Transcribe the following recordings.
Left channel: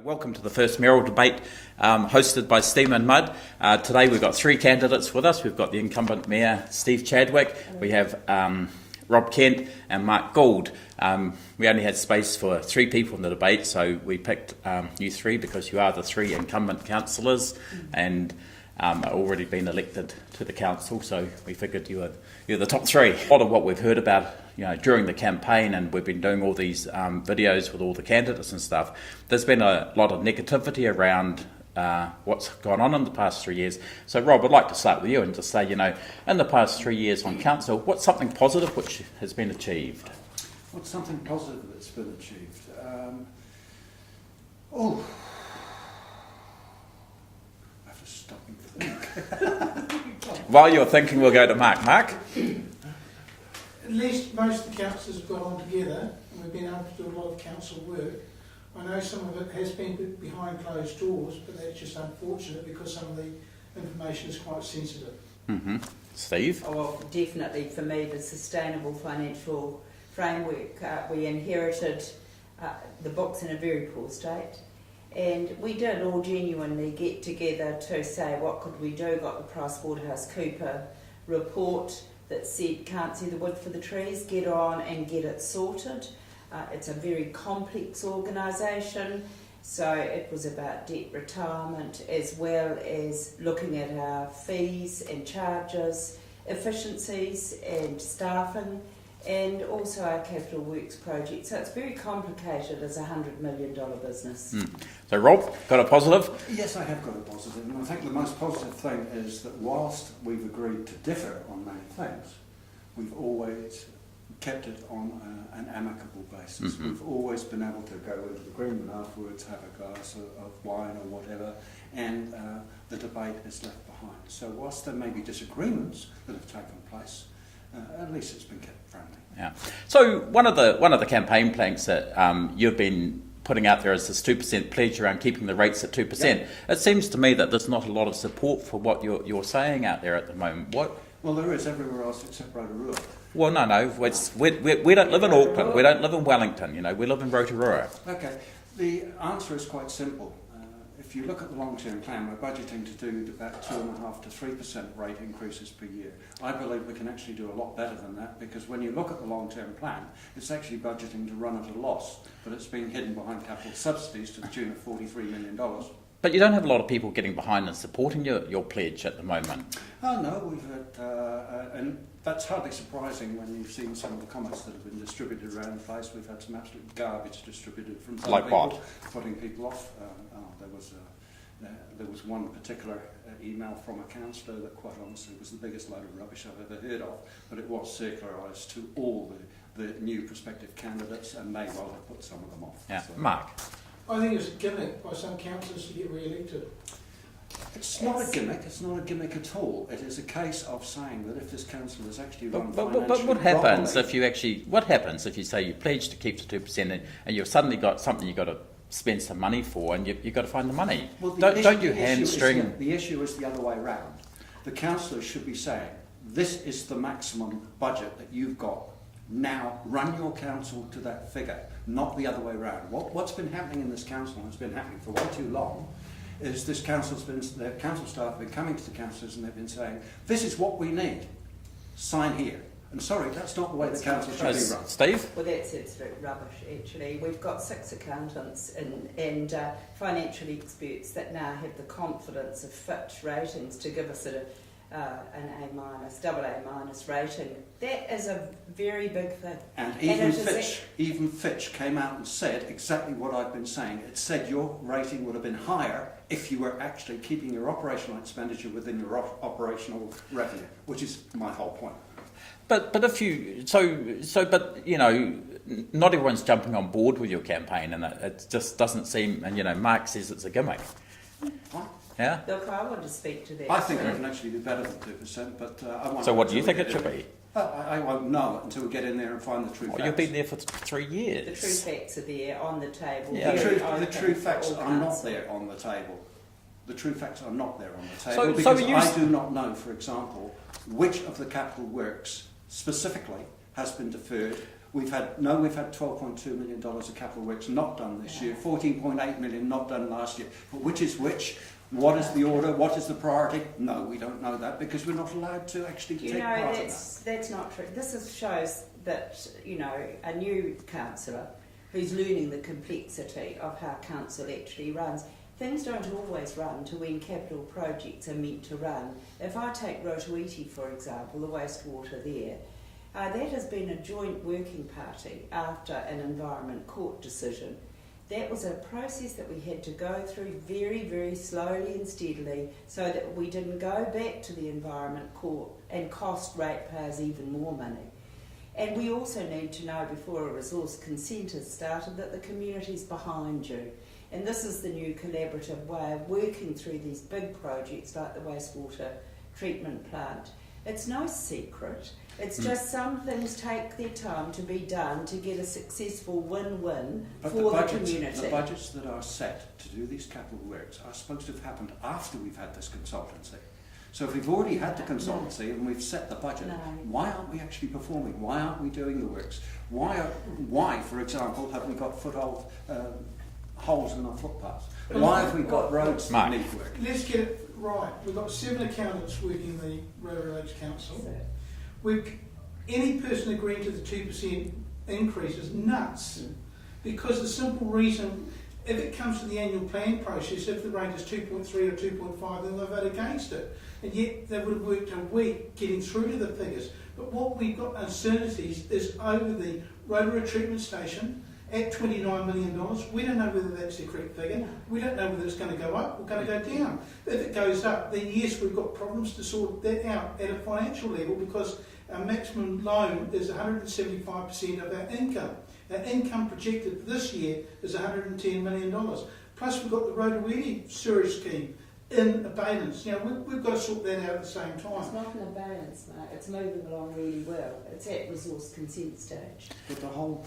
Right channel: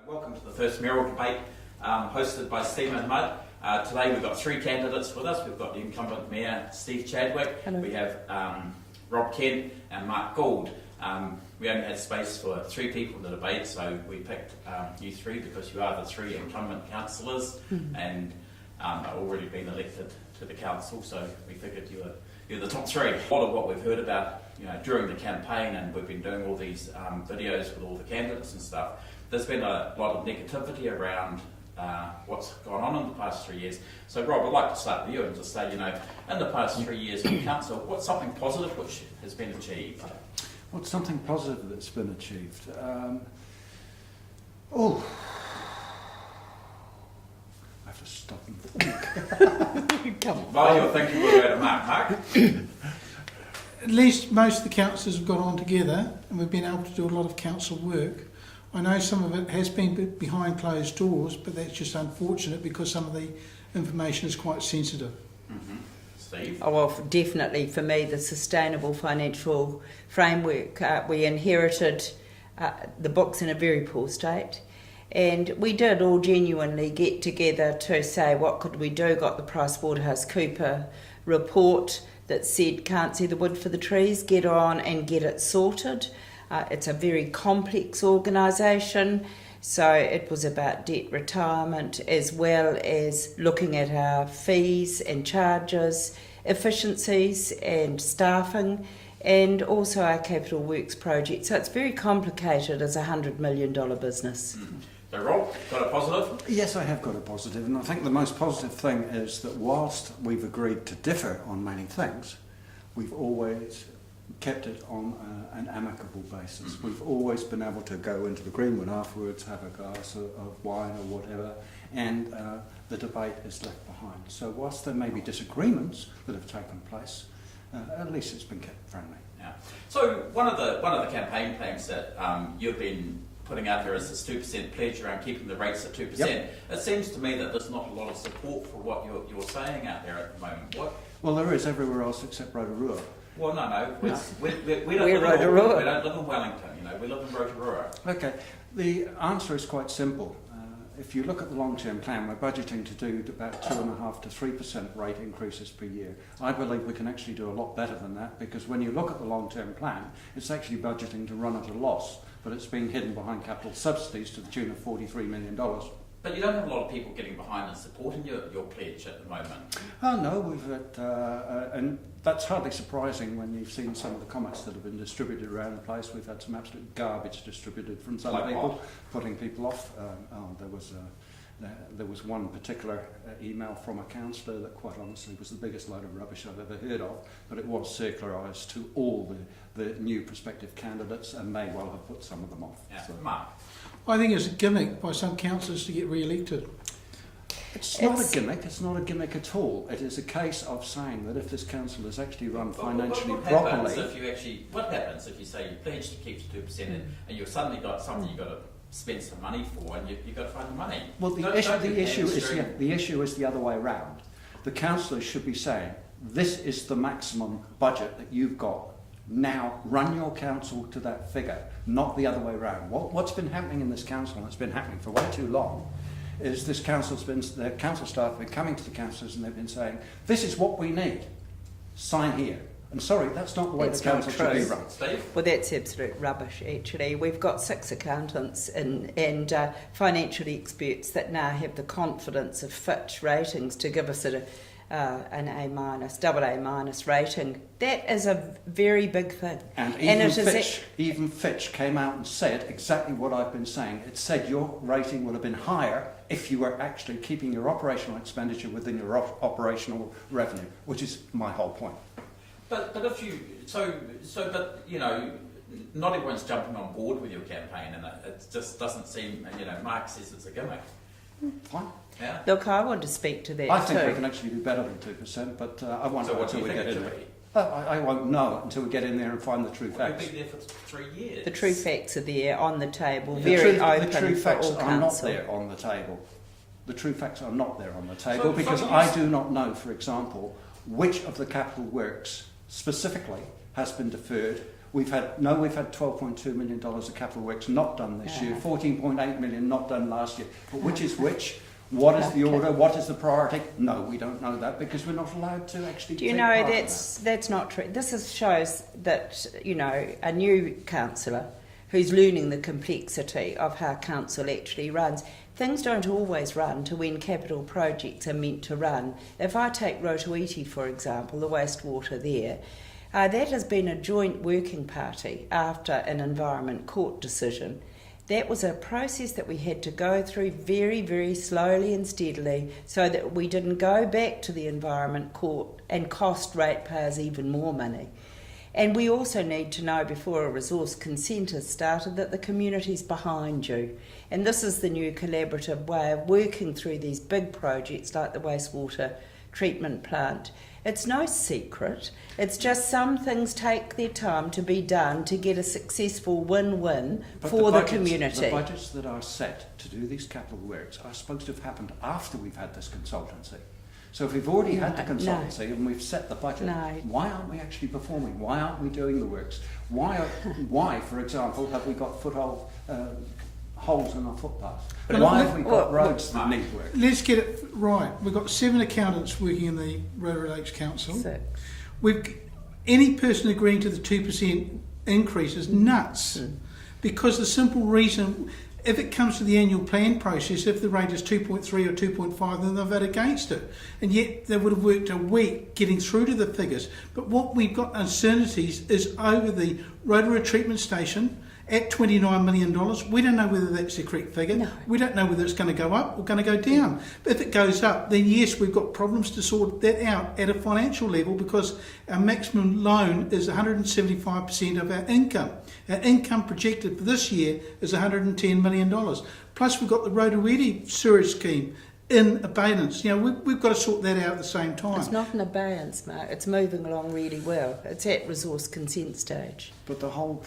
Welcome to the first mayoral debate hosted by Steam and Mud. Today we've got three candidates with us. We've got the incumbent Mayor, Steve Chadwick. Hello. We have Rob Kent and Mark Gould. We only had space for three people in the debate, so we picked you three because you are the three incumbent councillors and already been elected to the council, so we figured you're the top three. A lot of what we've heard about during the campaign, and we've been doing all these videos with all the candidates and stuff, there's been a lot of negativity around what's gone on in the past 3 years. So Rob, I'd like to start with you and just say, in the past 3 years in council, what's something positive which has been achieved? What's something positive that's been achieved? I have to stop and think. While you're thinking, we'll go to Mark. Mark? At least most of the councillors have got on together and we've been able to do a lot of council work. I know some of it has been behind closed doors, but that's just unfortunate because some of the information is quite sensitive. Mm-hmm. Steve? Oh, well, definitely for me, the sustainable financial framework. We inherited the books in a very poor state, and we did all genuinely get together to say what could we do. Got the PricewaterhouseCoopers report that said can't see the wood for the trees, get on and get it sorted. It's a very complex organisation, so it was about debt retirement as well as looking at our fees and charges, efficiencies and staffing, and also our capital works project. So it's very complicated as a $100 million business. So Rob, got a positive? Yes, I have got a positive, and I think the most positive thing is that whilst we've agreed to differ on many things, we've always kept it on an amicable basis. Mm-hmm. We've always been able to go into the Greenwood afterwards, have a glass of wine or whatever, and the debate is left behind. So whilst there may be disagreements that have taken place, at least it's been kept friendly. Yeah. So one of the campaign planks that you've been putting out there is this 2% pledge around keeping the rates at 2%. Yep. It seems to me that there's not a lot of support for what you're saying out there at the moment. What? Well, there is everywhere else except Rotorua. Well, no. We don't live in Auckland. We don't live in Wellington. We live in Rotorua. Okay. The answer is quite simple. If you look at the long-term plan, we're budgeting to do about 2.5% to 3% rate increases per year. I believe we can actually do a lot better than that, because when you look at the long-term plan, it's actually budgeting to run at a loss, but it's being hidden behind capital subsidies to the tune of $43 million. But you don't have a lot of people getting behind and supporting your pledge at the moment. Oh no, we've had, and that's hardly surprising when you've seen some of the comments that have been distributed around the place. We've had some absolute garbage distributed from some like people, what? Putting people off. There was one particular email from a councillor that quite honestly was the biggest load of rubbish I've ever heard of, but it was circularised to all the new prospective candidates and may well have put some of them off. Yeah. So. Mark? I think it's a gimmick by some councillors to get re-elected. It's not a gimmick. It's not a gimmick at all. It is a case of saying that if this council is actually run financially but what happens properly, what happens if you say you pledge to keep to 2% and you've suddenly got something you've got to spend some money for, and you've got to find the money? Well, don't you hamstring? The issue is the other way around. The councillors should be saying, this is the maximum budget that you've got. Now run your council to that figure, not the other way around. What's been happening in this council, and it's been happening for way too long, is the council staff have been coming to the councillors and they've been saying, this is what we need, sign here. And sorry, that's not the way the council should be run. Steve? Well, that's absolute rubbish, actually. We've got 6 accountants and financial experts that now have the confidence of Fitch ratings to give us an AA- rating. That is a very big thing. And even Fitch came out and said exactly what I've been saying. It said your rating would have been higher if you were actually keeping your operational expenditure within your operational revenue, which is my whole point. But if you not everyone's jumping on board with your campaign, and it just doesn't seem. And Mark says it's a gimmick. What? Yeah. Look, I want to speak to that I think too. we can actually do better than 2%, but I won't. So what do you think it should be? I won't know until we get in there and find the true facts. You've been there for 3 years. The true facts are there on the table, Yeah. very open. The true facts for all are not council. there on the table. The true facts are not there on the table because I do not know, for example, which of the capital works specifically has been deferred, We've had $12.2 million of capital works not done this year, 14.8 million not done last year. But which is which? What is the order? What is the priority? No, we don't know that because we're not allowed to actually. Do you take know part in that's not true? Shows that a new councillor who's learning the complexity of how council actually runs. Things don't always run to when capital projects are meant to run. If I take Rotorua, for example, the wastewater there, that has been a joint working party after an Environment Court decision. That was a process that we had to go through very, very slowly and steadily so that we didn't go back to the Environment Court and cost ratepayers even more money. And we also need to know before a resource consent has started that the community's behind you. And this is the new collaborative way of working through these big projects like the wastewater treatment plant. It's no secret. It's just some things take their time to be done to get a successful win-win for the community. The budgets that are set to do these capital works are supposed to have happened after we've had this consultancy. So if we've already had the consultancy and we've set the budget, why aren't we actually performing? Why aren't we doing the works? Why, for example, have we got foothold holes in our footpaths? Why have we got roads that need work? Let's get it right. We've got 7 accountants working in the Rotorua Lakes Council. Any person agreeing to the 2% increase is nuts. Because the simple reason, if it comes to the annual plan process, if the rate is 2.3 or 2.5, then they'll vote against it. And yet they would have worked a week getting through to the figures. But what we've got uncertainties is over the Rotorua treatment station at $29 million. We don't know whether that's the correct figure. No. We don't know whether it's going to go up or going to go down. But if it goes up, then yes, we've got problems to sort that out at a financial level because our maximum loan is 175% of our income. Our income projected for this year is $110 million. Plus we've got the Rotorua sewerage scheme in abeyance. We've got to sort that out at the same time. It's not in abeyance, Mark. It's moving along really well. It's at resource consent stage. But the whole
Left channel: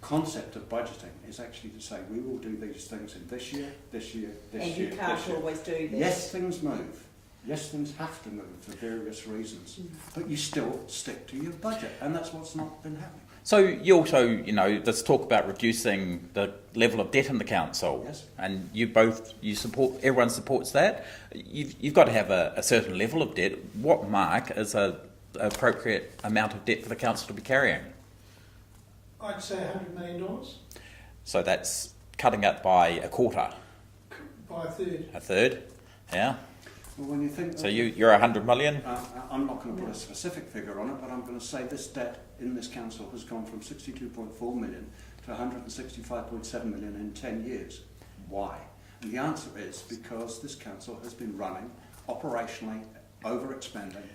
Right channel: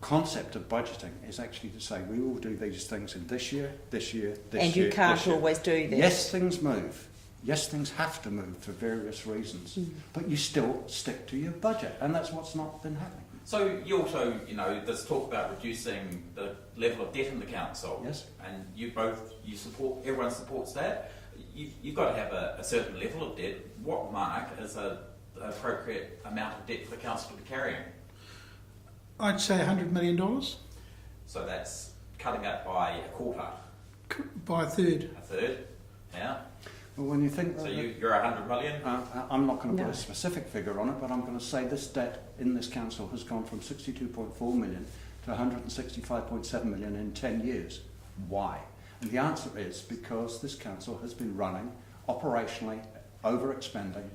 concept of budgeting is actually to say we will do these things in this year, this year, this year. And you can't always do that. Yes, things move. Yes, things have to move for various reasons. But you still stick to your budget, and that's what's not been happening. So you also, there's talk about reducing the level of debt in the council. Yes. And everyone supports that. You've got to have a certain level of debt. What, Mark, is an appropriate amount of debt for the council to be carrying? I'd say $100 million. So that's cutting it by a quarter. By a third. A third, yeah. Well, when you think so you're 100 million? I'm not going to put a specific figure on it, but I'm going to say this debt in this council has gone from 62.4 million to 165.7 million in 10 years. Why? And the answer is because this council has been running operationally overexpending,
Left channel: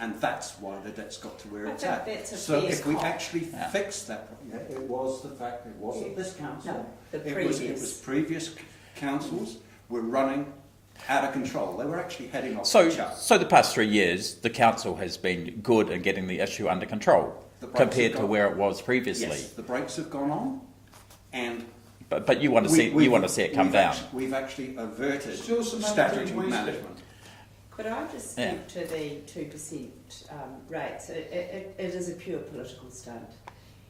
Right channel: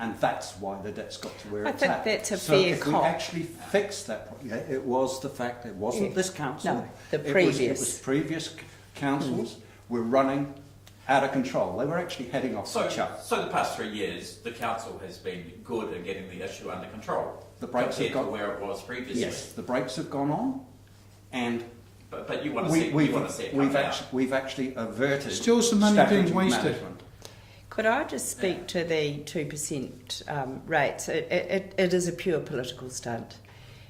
and that's why the debt's got to where it's at. I think that's a so fair if cop. we actually fixed that, it was the fact it wasn't this council. No, the previous. It was previous councils were running out of control. They were actually heading off each other. So the past 3 years, the council has been good at getting the issue under control compared to where it was previously. Yes, the brakes have gone on, and but you want to see it come down. We've actually averted still some money being wasted. Management. Could I just speak to the 2% rates? It is a pure political stunt,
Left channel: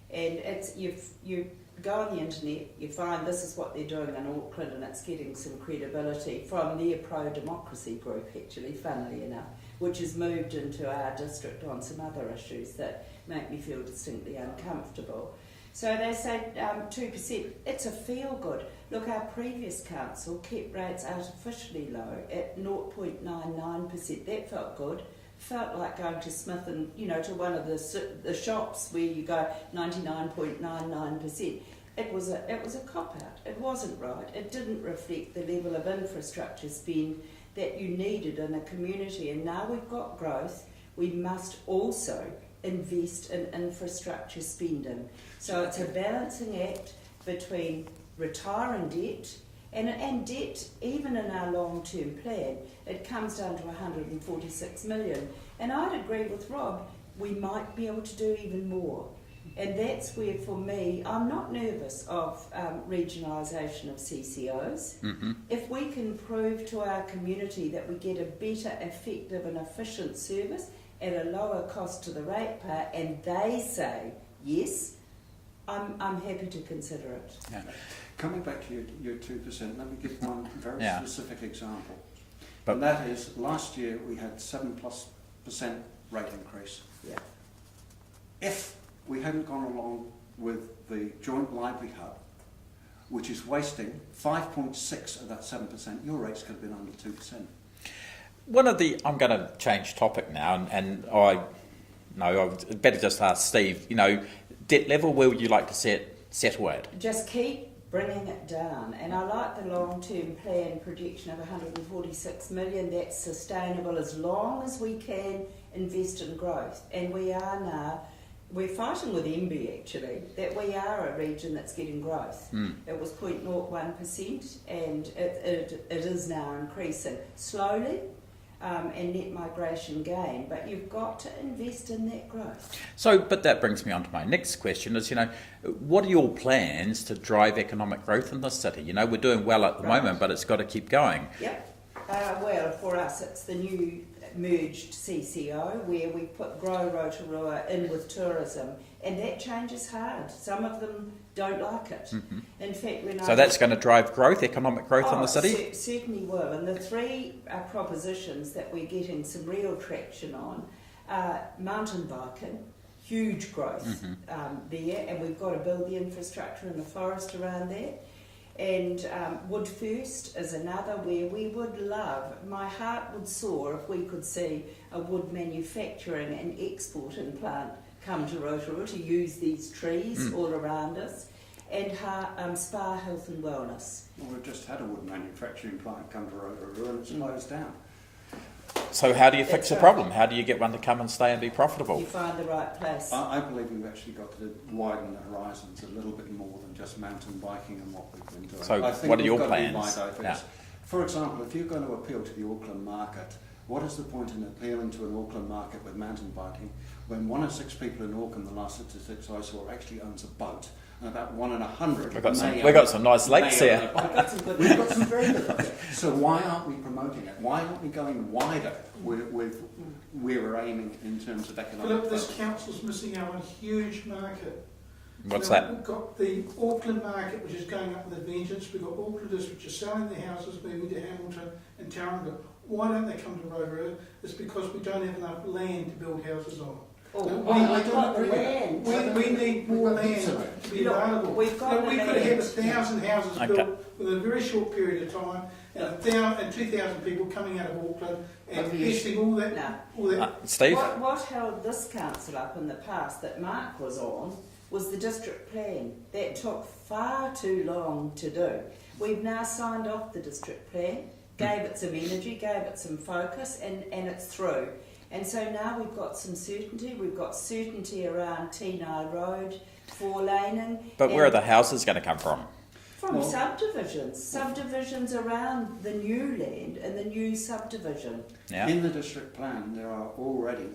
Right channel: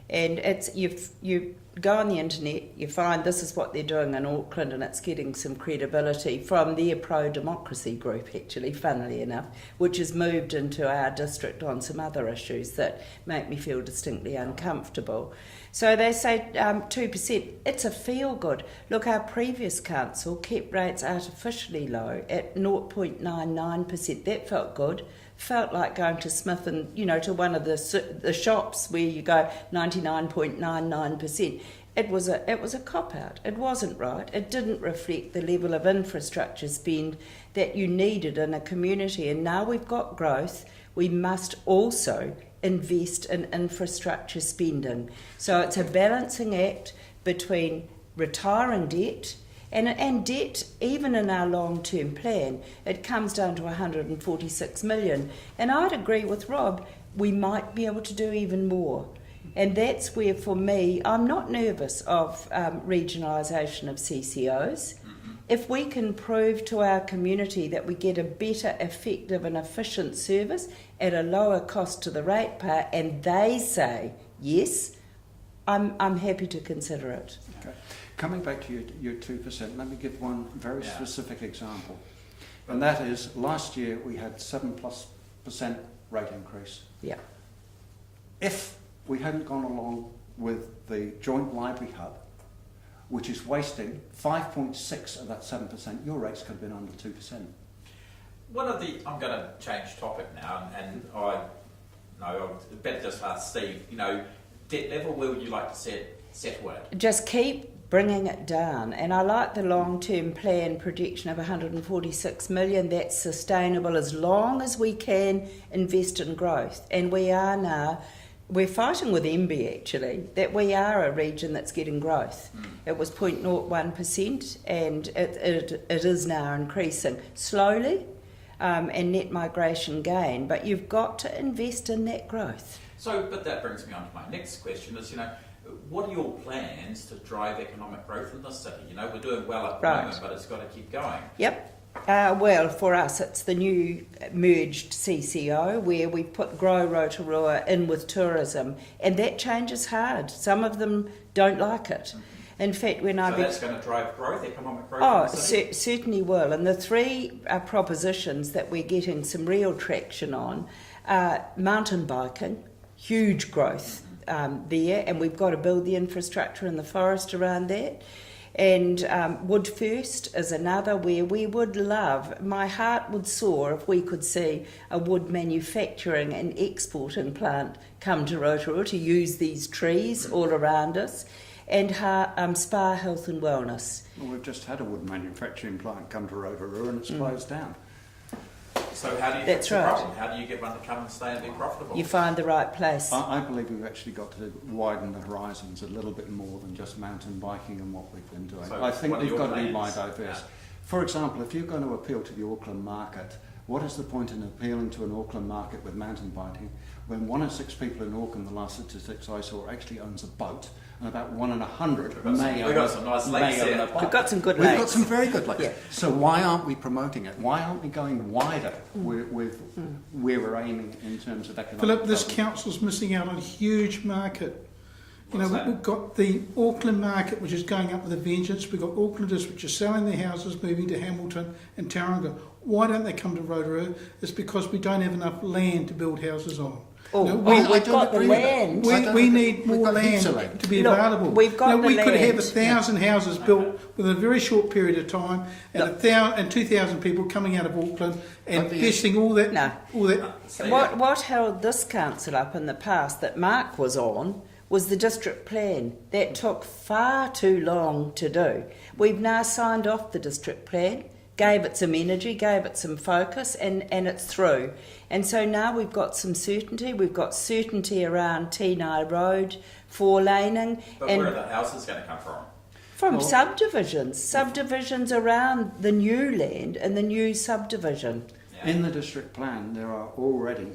and you go on the internet, you find this is what they're doing in Auckland, and it's getting some credibility from their pro-democracy group, actually, funnily enough, which has moved into our district on some other issues that make me feel distinctly uncomfortable. So they say 2%, it's a feel-good. Look, our previous council kept rates artificially low at 0.99%. That felt good. Felt like going to Smith and, to one of the shops where you go 99.99%. It was a cop-out. It wasn't right. It didn't reflect the level of infrastructure spend that you needed in a community. And now we've got growth, we must also invest in infrastructure spending. So it's a balancing act between retiring debt and debt, even in our long-term plan, it comes down to 146 million. And I'd agree with Rob, we might be able to do even more. And that's where, for me, I'm not nervous of regionalisation of CCOs. Mm-hmm. If we can prove to our community that we get a better, effective and efficient service at a lower cost to the ratepayer, and they say, yes, I'm happy to consider it. Yeah. Okay. Coming back to your 2%, let me give one very Yeah. specific example. But- And that is, last year we had 7+% rate increase. Yeah. If we hadn't gone along with the joint library hub, which is wasting 5.6 of that 7%, your rates could have been under 2%. I'm going to change topic now, and I would better just ask Steve, debt level, where would you like to settle at? Just keep bringing it down, and I like the long-term plan projection of 146 million. That's sustainable as long as we can invest in growth, and we are now. We're fighting with MB actually, that we are a region that's getting growth. It was 0.01% and it is now increasing slowly, and net migration gain, but you've got to invest in that growth. So, but that brings me on to my next question is, what are your plans to drive economic growth in the city? We're doing well at the Right. moment, but it's got to keep going. Yep. Well, for us, it's the new merged CCO where we put Grow Rotorua in with tourism, and that changes hard. Some of them don't like it. In fact, So that's going to drive growth, economic growth in the city? Certainly will. And the three propositions that we're getting some real traction on are mountain biking, huge growth there, and we've got to build the infrastructure in the forest around that. And Wood First is another where we would love, my heart would soar if we could see a wood manufacturing and exporting plant come to Rotorua to use these trees all around us. And Spa Health and Wellness. Well, we've just had a wood manufacturing plant come to Rotorua and it's closed down. So how do you fix That's the right. problem? How do you get one to come and stay and be profitable? You find the right place. I believe we've actually got to widen the horizons a little bit more than just mountain biking and what we've been doing. So I think what are we've your got plans? to be wide diverse. Yeah. For example, if you're going to appeal to the Auckland market, what is the point in appealing to an Auckland market with mountain biking when 1 in 6 people in Auckland, the last statistics I saw, actually owns a boat, and about 1 in 100 We've got some nice lakes may own here. a boat. We've got some good We've got lakes. some very good lakes. So why aren't we promoting it? Why aren't we going wider with where we're aiming in terms of economic Philip, this development? council's missing out on a huge market. What's that? We've got the Auckland market, which is going up with a vengeance. We've got Aucklanders which are selling their houses, moving to Hamilton and Tauranga. Why don't they come to Rotorua? It's because we don't have enough land to build houses on. Oh, No, we've I don't got the agree with that. land. We need We've more got heaps of land land. to be Look, available. we've got the we could have land. 1,000 houses Okay. built within a very short period of time, and 2,000 people coming out of Auckland and But the- investing all that. No. All that. Steve? What held this council up in the past that Mark was on was the district plan. That took far too long to do. We've now signed off the district plan, gave it some energy, gave it some focus, and it's through. And so now we've got some certainty. We've got certainty around Tenai Road, 4-laning. But and where are the houses going to come from? from Well- subdivisions around the new land and the new subdivision. Yeah. In the district plan, there are already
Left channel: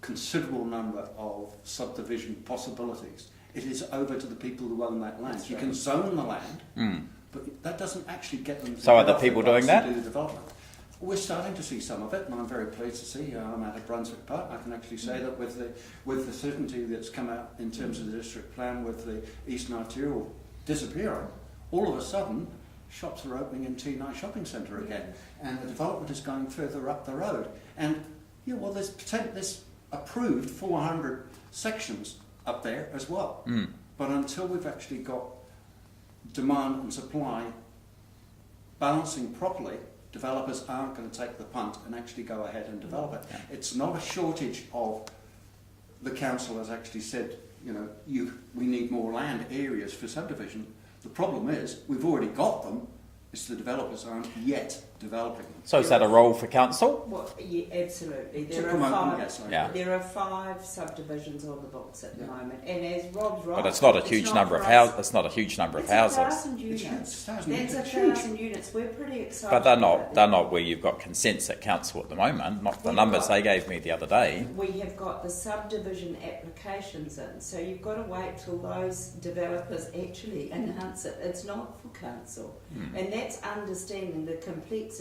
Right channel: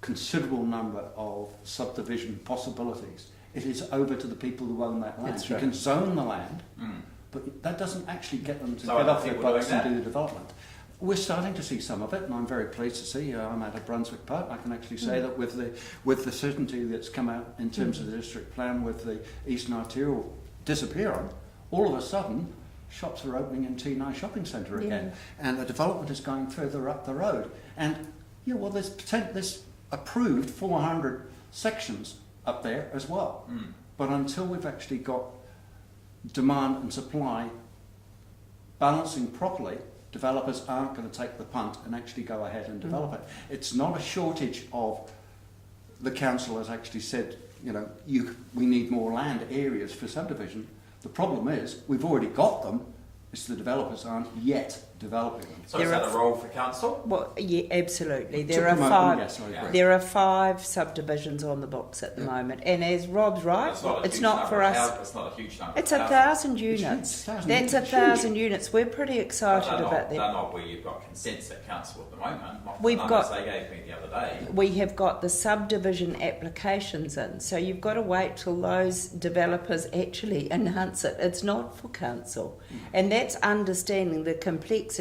considerable number of subdivision possibilities. It is over to the people who own that land. That's You right. can zone the land, but that doesn't actually get them to So are get the off their people butts doing and that? do the development. We're starting to see some of it, and I'm very pleased to see. I'm at Brunswick Park. I can actually say that with the certainty that's come out in terms of the district plan, with the Eastern Arterial disappearing, all of a sudden shops are opening in Tenai Shopping Centre again, and the development is going further up the road. And there's approved 400 sections up there as well. But until we've actually got demand and supply balancing properly, developers aren't going to take the punt and actually go ahead and develop it. It's not a shortage of, the council has actually said, we need more land areas for subdivision. The problem is, we've already got them, it's the developers aren't yet developing them. So is that a role for council? Well, yeah, absolutely. To There are promote them, five. yes, I Yeah. agree. There are 5 subdivisions on the books at the moment, and as Rob's right, But it's not a huge not number for of us. houses. It's not a huge number It's of houses. 1,000 It's units. 1,000 That's units, 1,000 units. We're pretty But excited they're about not. that. They're not where you've got consents at council at the moment. Not the We've numbers got- they gave me the other day. We have got the subdivision applications in, so you've got to wait till those developers actually enhance it. It's not for council, and that's understanding the complexity.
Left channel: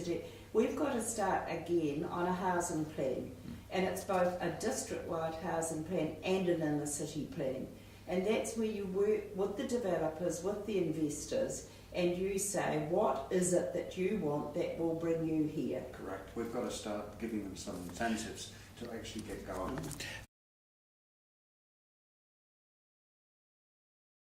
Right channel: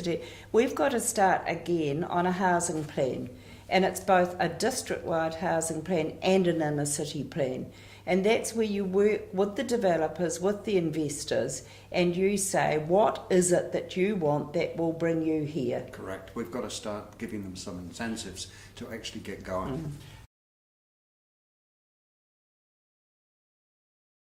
We've got to start again on a housing plan, and it's both a district-wide housing plan and an inner city plan. And that's where you work with the developers, with the investors, and you say, what is it that you want that will bring you here? Correct. We've got to start giving them some incentives to actually get going.